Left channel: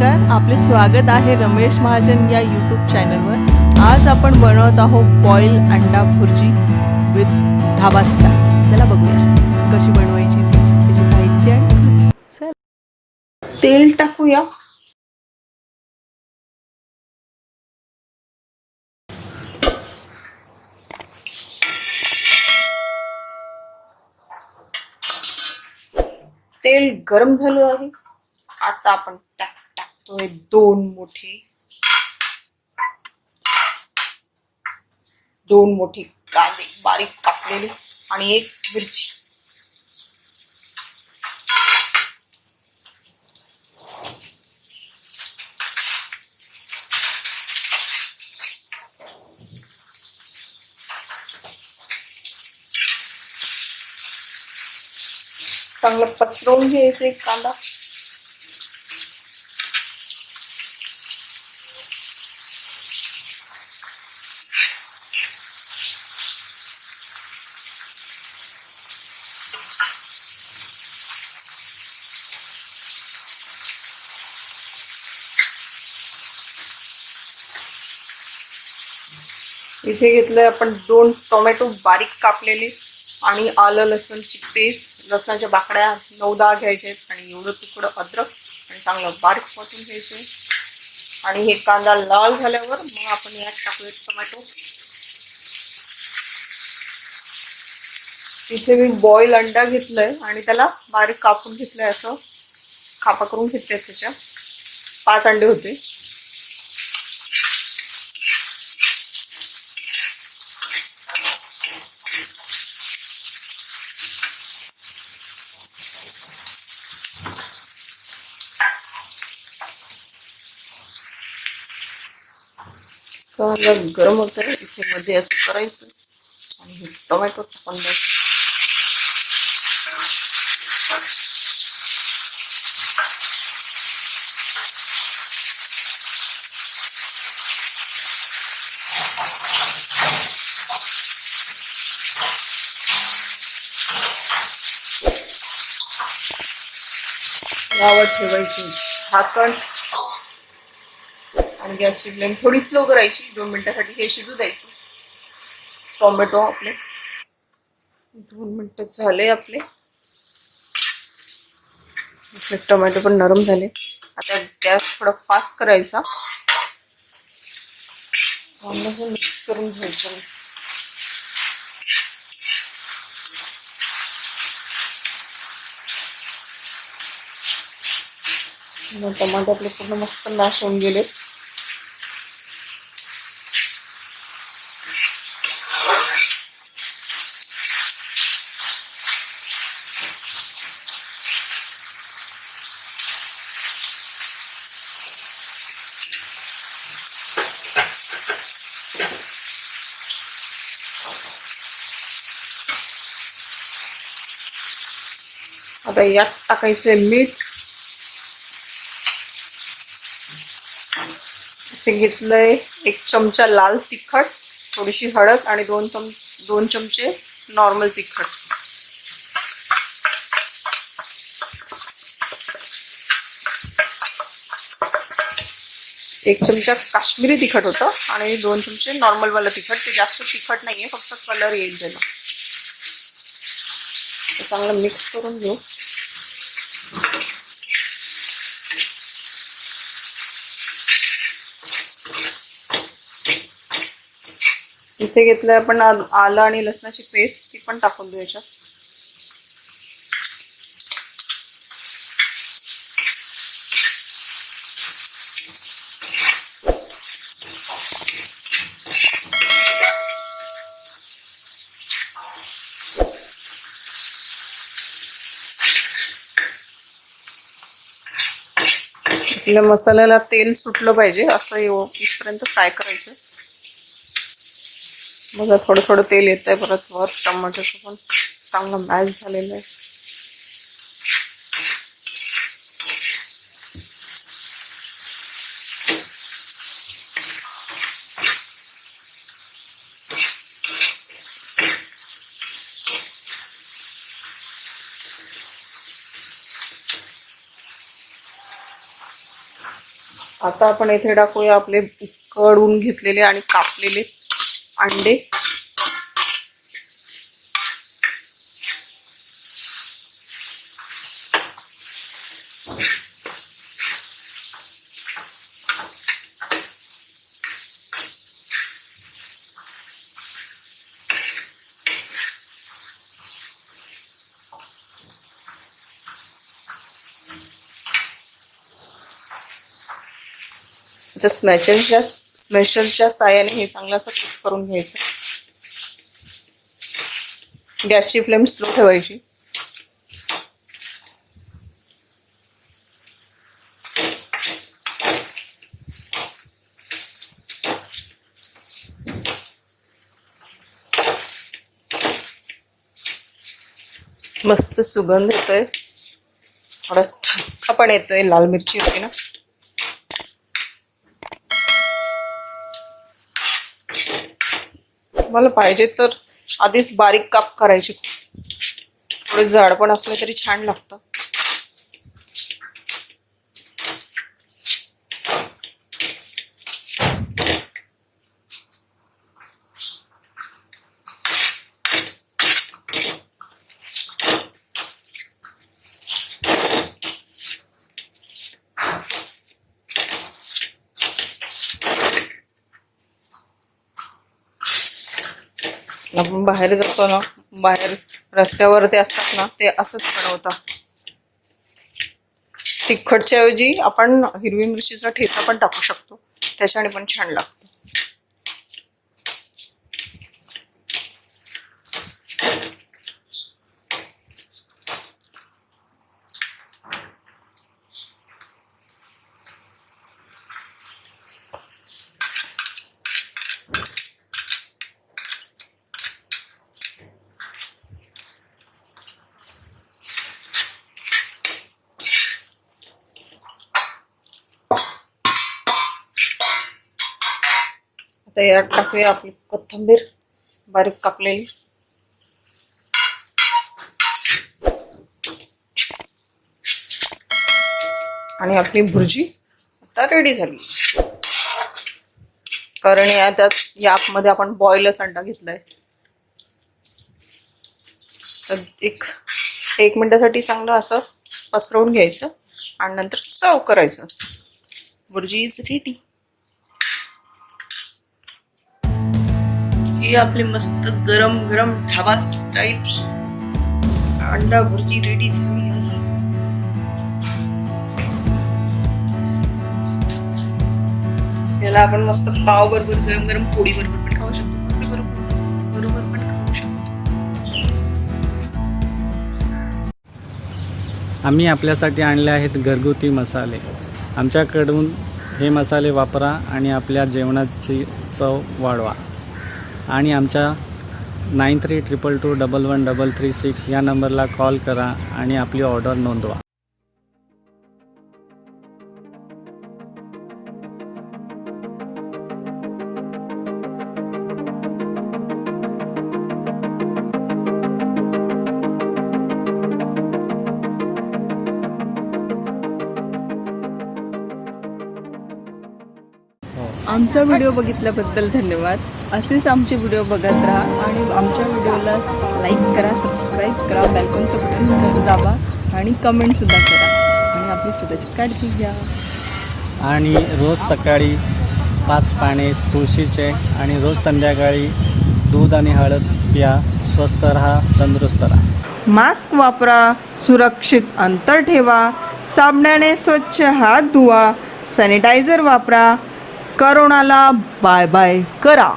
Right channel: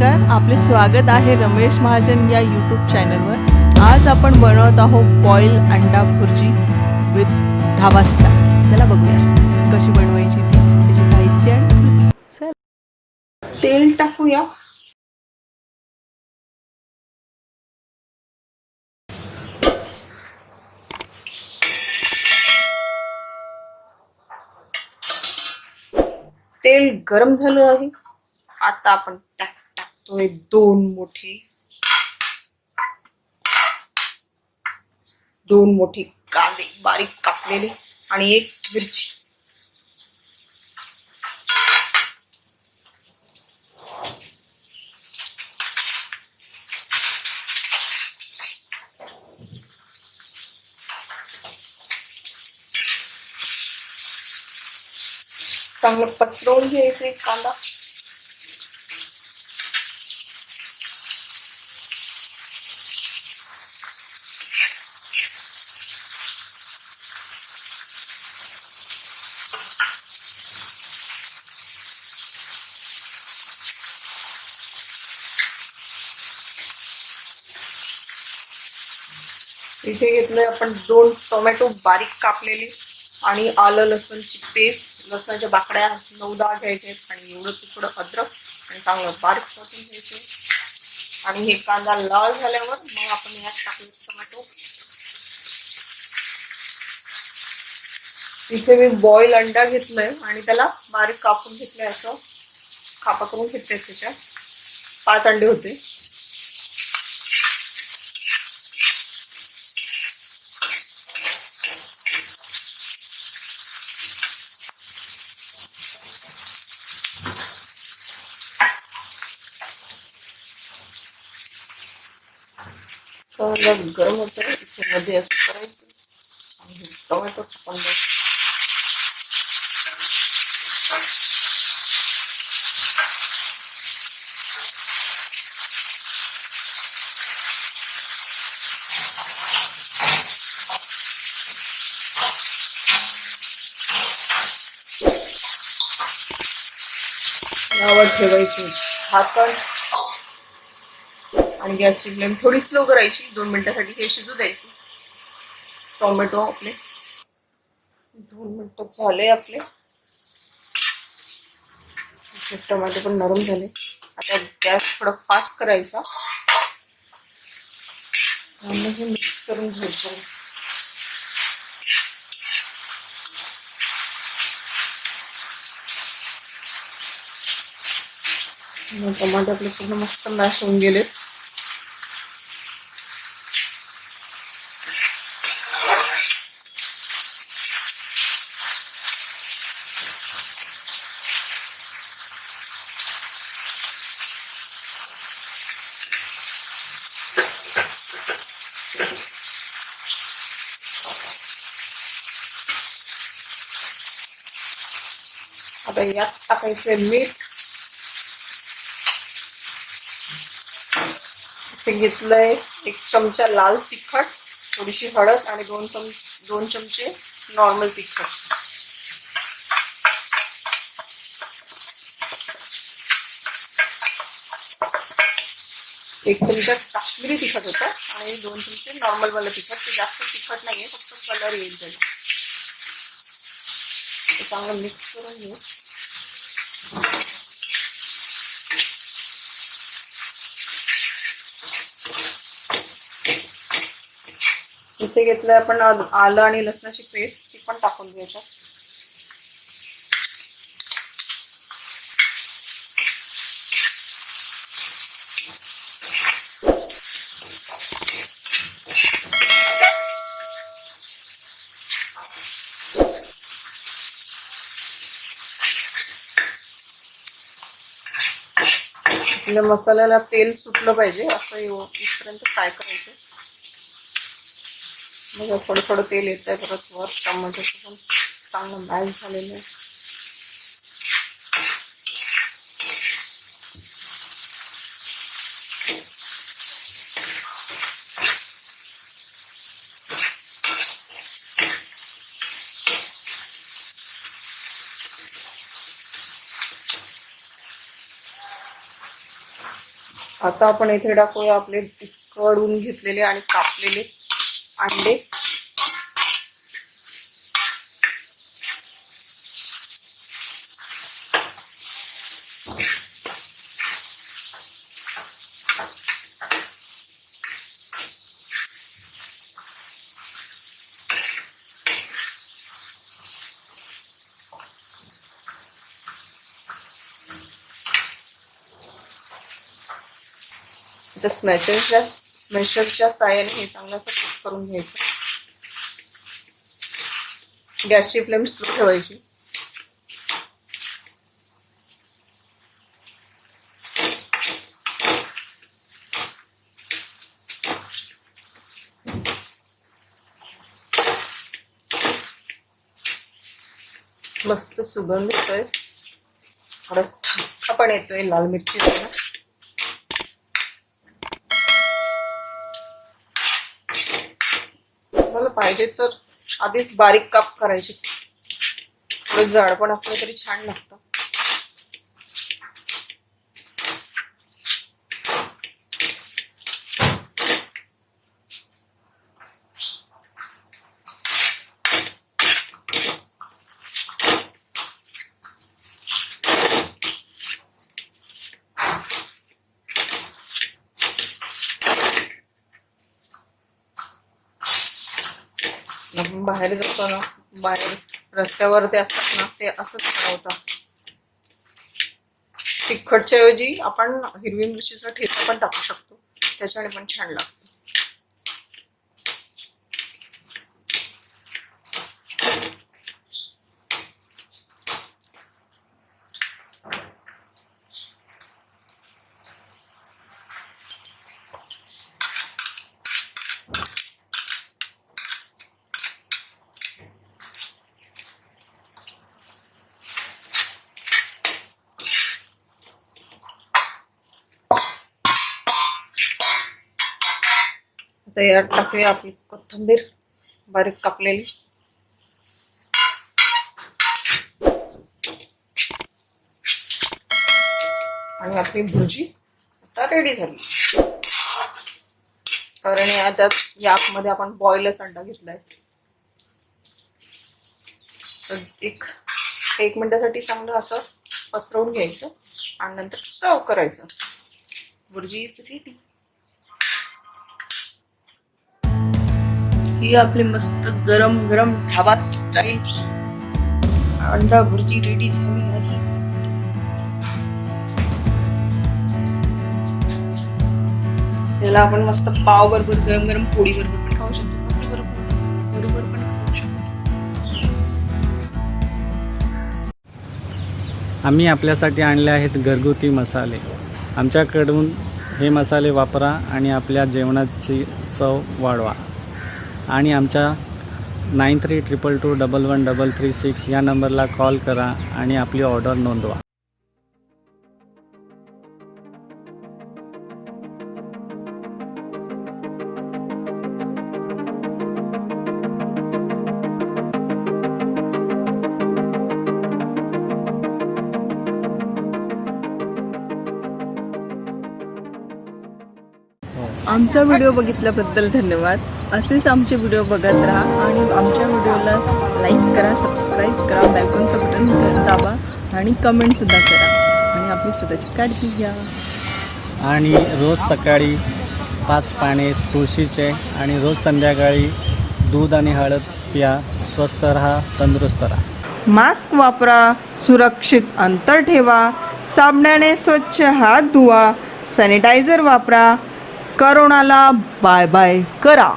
नमस्कार, आपले स्वागत आहे रमेश महाजन या यूट्यूब चॅनलवर। आज आपण बनवत आहोत बॉईल अंडा भुर्जी विथ ढाबा स्टाईल। चला बघूया कशी बनवायची ती, त्याचे साहित्य आणि चल तेल टाकूया। तेल गरम झालं आहे। आता आपण टाकतोय दोन मोठे कांदे बारीक कापलेले आणि एक मिरची। चांगलं पसरवून घ्यायचं एक कांदा। इथे घेतलंय आपण 2 टोमॅटो बारीक कापलेले आणि आलं लसूणची पेस्ट, लसणाच्या बाकड्या 9-10 घ्यायचे आणि एवढं तुकडं अद्रक आणि चांगलं बारीक परतून घ्यायचे। आणि हे कांदा लाल झाल्यावर मग आपण यात टाकूया टोमॅटो। इथे मी बॉईल अंडा घेतलाय आणि त्याला बारीक कापून घेतलंय, असं कापा करून घेतलंय। त्याच्या 5 अंडे होते। गरम होतं, इथे मध्ये असं करायचं आणि हे टोमॅटो टाकून द्यायचं। यावर ठेवायची झाकण आणि गॅसची फ्लेम थोडी स्लो करायची। 2 मिनिटांसाठी हे शिजू द्यायचे। टोमॅटो आपले 2 मिनिटं झाले आपले टोमॅटो पण नरम झाले। आता गॅस थोडा फास्ट करायचा, चांगलं मिक्स करून घ्यायचं। टोमॅटो आपले पूर्ण मस्त मॅश होऊन गेले। आता यात टाकायचे मीठ। इथे घेतलंय 1 चमचा लाल तिखट, थोडीशी हळद आणि 2 चमचे नॉर्मल तिखट। एक चमचा काश्मीरी तिखट होतं आणि 2 चमचे नॉर्मल वाला तिखट। ते जास्त तिखट नाहीये, फक्त कलर येईल त्याला। चांगलं मिक्स करून घेऊ। इथे घेतलंय आपण आलं आणि लसणाची पेस्ट, ती पण टाकून देऊ याच्यात। आपल्या मसाल्याला तेल सुटलं पाहिजे, असं इथपर्यंत फ्राय करायचं। बघा थोडं थोडं तेल येतंय परत वर। टमाटोचं पण चांगलं मॅश झालेलं आहे। आता आपण इथे टाकूया आपले उकडून घेतलेले आणि कापलेले अंडे. तर स्मॅशरच्या साहाय्याने हे चांगलं असं मिक्स करून घ्यायचं. गॅसची फ्लेम स्लो ठेवायची. मस्त सुगंध येतोय, थोडा ठसका पण येतोय, लाल मिरची होती ना. मला पाहिजे तर आधीच बारीक काप करायचे, थोडे जाड पण असलं तरी छान लागतं. आपण बाहेर जातो ना, बाहेर रस्त्यावर ते असतात ना, ते असंच बनवतात. तिखटच्या ऐवजी आपण हिरवी मिरचीचा ठेचा पण टाकू शकतो, त्याच्याने पण छान लागतं. आता यात टाकूया आपली कोथिंबीर बारीक कापलेली. आणि आपली भुर्जी आता रेडी झाली. कारण यामध्ये आपण बॉइलच अंडा घेतलाय. तर एक मिनिटासाठी चांगलं असं पसरवून घ्यायचं आणि नंतर सर्व करायचं. Bhurji is ready. ही आपली मस्त गरम गरम ढाबा स्टाईल अंडा भुर्जी रेडी झाली आहे. याला आपण मस्त पाव बरोबर, गरम गरम पोळी बरोबर पण खाऊ शकतो, भाकरी बरोबर पण खाऊ शकतो. आम्ही आपल्यासाठी आणले आहेत घरगुती मसाले. आमच्याकडून हे मसाले वापरा आणि आपल्या जेवणाची चव वाढवा. आणि आमच्या 9322211336 या नंबरला कॉल करा आणि आपली ऑर्डर नोंदवा. आमचा व्हिडिओ बघितल्याबद्दल धन्यवाद. असेच आमचे व्हिडिओ बघत राहा आणि आमच्या व्हिडिओला लाईक करा, सबस्क्राईब करा, बेलकॉनचं बटन दाबा आणि कमेंटसुद्धा करा. आणि आपली स्वतःची काळजी घ्या. आणि रोज सकाळी 5 पाने तुळशीचे आणि रोज संध्याकाळी दूध आणि हळद प्या. स्वस्थ राहा, तंदुरुस्त राहा. मास्क वापरा, सुरक्षित अंतर ठेवा, साबणाने स्वच्छ हात धुवा, सॅनिटायझर वापरा. करोनाला बाय बाय करा.